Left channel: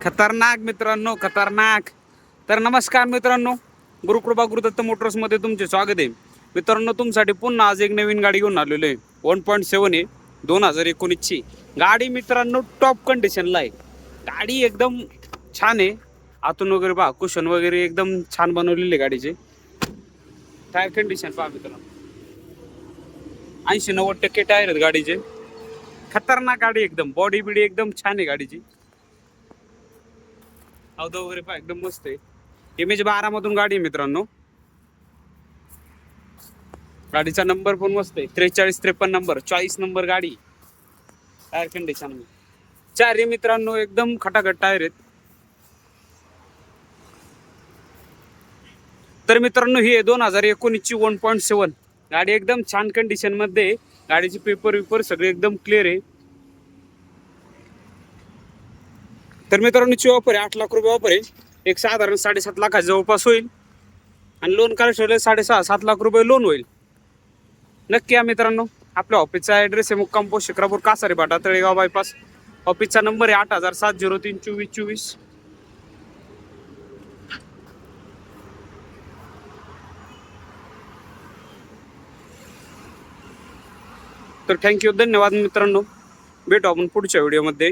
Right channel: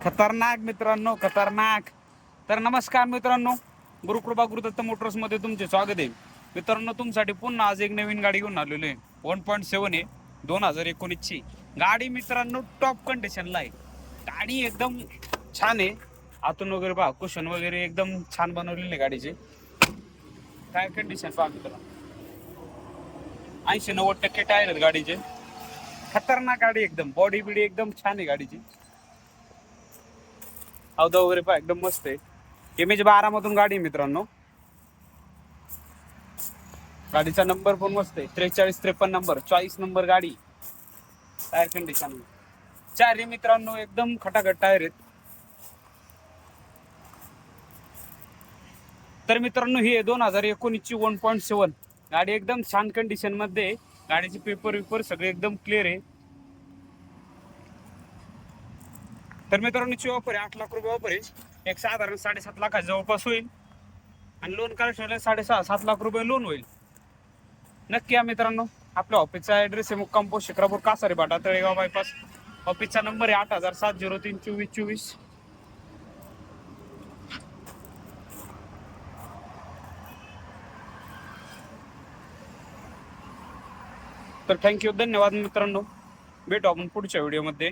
खतरनाक मित्रांनो खतरनाक. तर नमस्कार मित्रांनो गुरुकृपा गुरुदत्त मोटर्समध्ये तुमचे स्वागत आहे. मित्रांनो तुमसाठी पुन्हा आज एक नवीन गाडी घेऊन आलेलो आहे. वन पॉईंट सेवन आहे दोन हजार एकोणीसची. गाडी मित्रांनो टॉप कंडिशनला आहे. गाडी एकदम छान आहे. आतून वगैरे पहा कुशन वगैरे एकदम छान बनवलेली आहे गाडीचे. टायर कंडिशन पहा मित्रांनो. ऐंशी नव्वद टक्के टायर आहेत गाडीचे. खतरनाक गाडी एकदम. बॉडी बिडी एकदम छान आहे गाडीची. अवधा वगैरे पहा एकदम मस्त आहे. एम एच बारा मधून गाडी आहे मित्रांनो. गाडीचा नंबर पण मस्त आहे. त्रेचाळीस त्रेपन्न नंबर चाळीस नंबर गाडी. टायर कंडिशन चारही मित्रांनो एकदम खटाखट टायर आहेत. तर मित्रांनो ही आहे दोन हजार एकोणीसची वन पॉईंट सेवन गाडी एकदम छान कंडिशनमध्ये गाडीचे पेपर विपर सगळे एकदम क्लिअर आहे. तर मित्रांनो ची ऑफर आहे. आठ लाख रुपये ऑफर आहे. एक साधारण साडेसात लाखाच्या जवळपास होईल. आणि लोन काढायचं साडेसहा सात लाख रुपये लोन होईल. नक्की या मित्रांनो आपल्या ऑफिसचा ॲड्रेस आहे मुक्काम post Shikrapur Kasare Bata Talegaon bypass ऑफिसचा नंबर आहे आठ हजार सात झिरो तीन चोवीस चोवीस. तर थँक्यू धन्यवाद मित्रांनो. भेटू आपण पुढच्या व्हिडिओमध्ये